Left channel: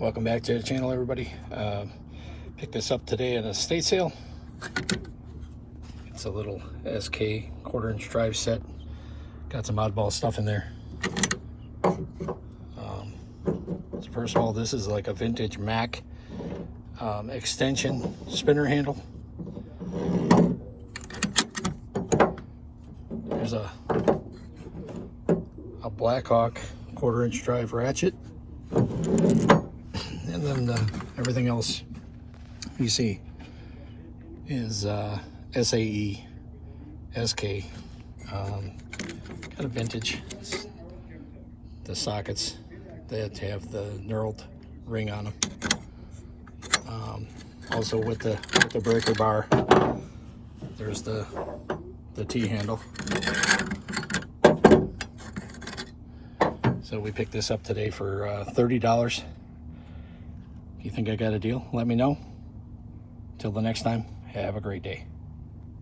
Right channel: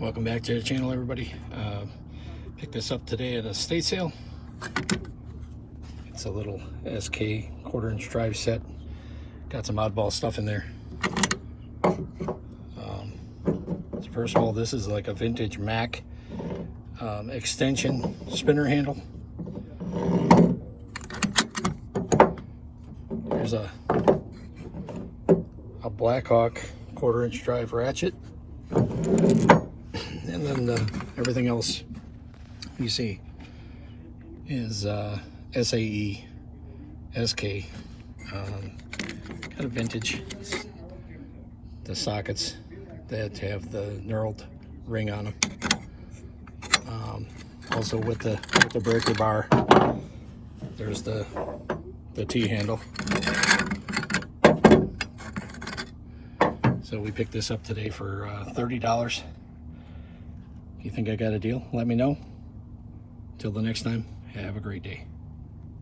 Welcome back to the channel, everybody. Picked this up today at a estate sale. It's a little SK quarter-inch drive set. Got some oddball stuff in there. So first of all, this is like a vintage Mac extension spinner handle. There's a Blackhawk quarter-inch drive ratchet. And then everything else you see is SAE, SK, kind of vintage. The sockets that have the knurled ring on them. Also with the breaker bar, there's the T handle. So we picked this up today for $30. If you think I got a deal, let me know. Till the next time, have a great day.